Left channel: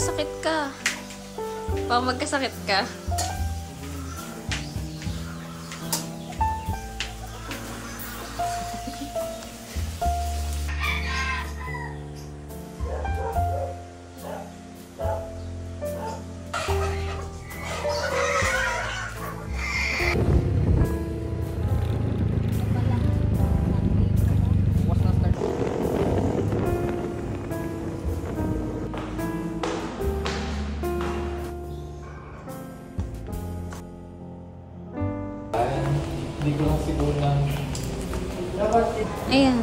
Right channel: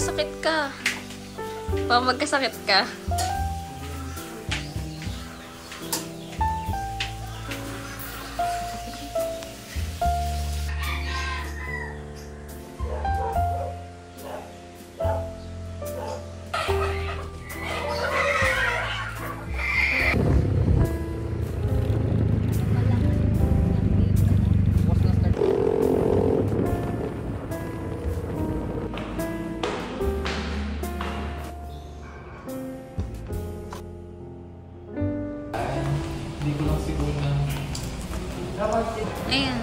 magkasakit ka. Baka magkasakit ka. Hindi ko lang siguro na... Ayan.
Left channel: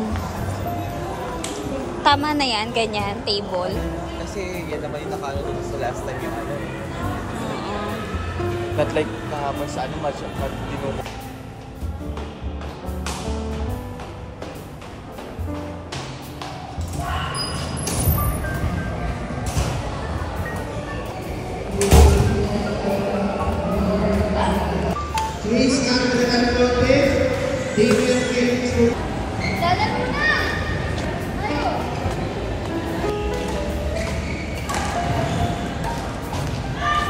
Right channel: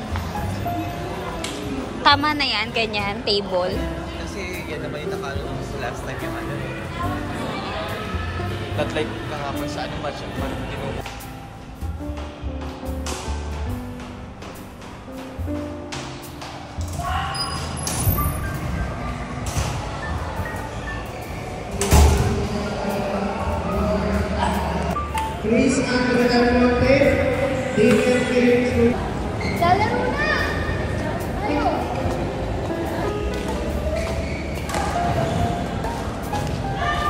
Tama na yan, ganyan, table. Kasi yan naman yung nakala ko sa last time yun. Not like nakapasaan much of what you know. Please stand with the camera face.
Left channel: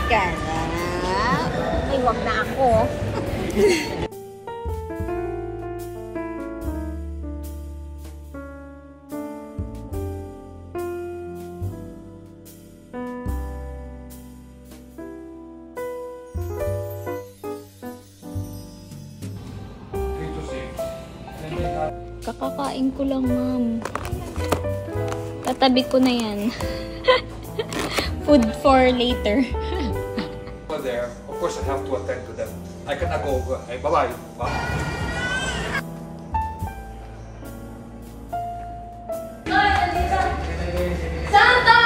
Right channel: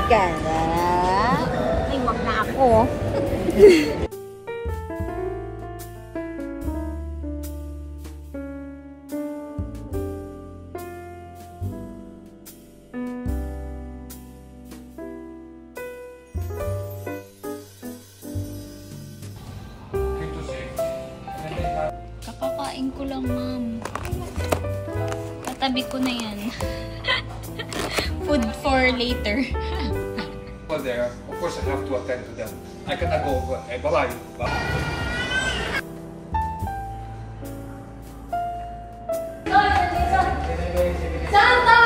Ganda. Ay, wag na ako. Kakakain ko lang, ma'am. Tatabi ko na yan. Food for later. Well, there, of course, I have to attend to them. I cannot go. Bye-bye. Santa!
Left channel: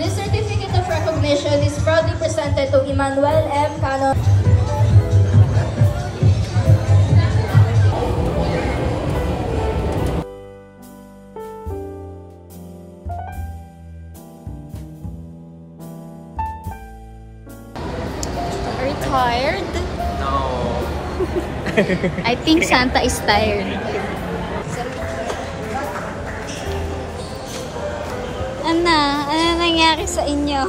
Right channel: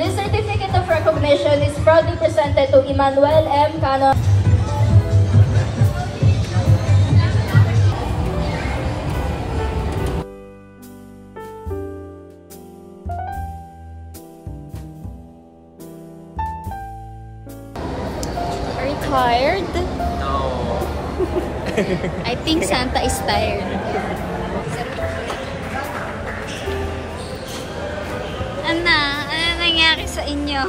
This certificate of recognition is proudly presented to Emmanuel M. Cano. Are you tired? No. I think Santa is tired. Ano nangyari sa inyo?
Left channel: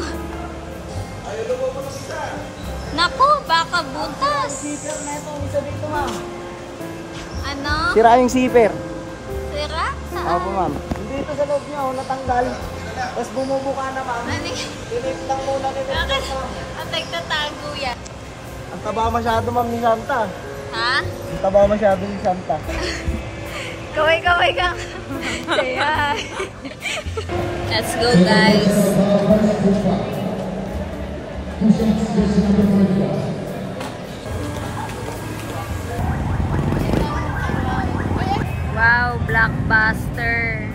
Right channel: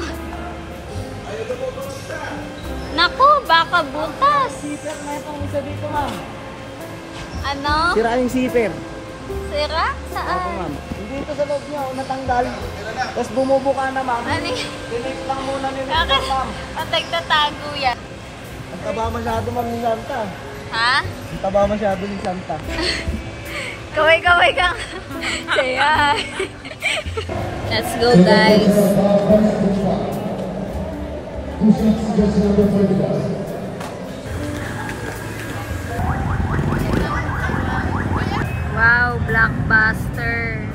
Naku, baka butas. Zipper na itong isa dito, ma'am. Ano? Sira yung zipper. Sira? Saan? Opo, ma'am. Dito sa loob niya, natanggal. Tapos bumubuka na, ma'am. Ano yun? Tinip lang muna ni Bakit? At nagtatago yan. Ang taba masyado, ma'am, ni Santa. Ha? Ang taba masyado ni Santa. Kaway-kaway kang. Say hi. Let's go, guys. Wow, blockbuster.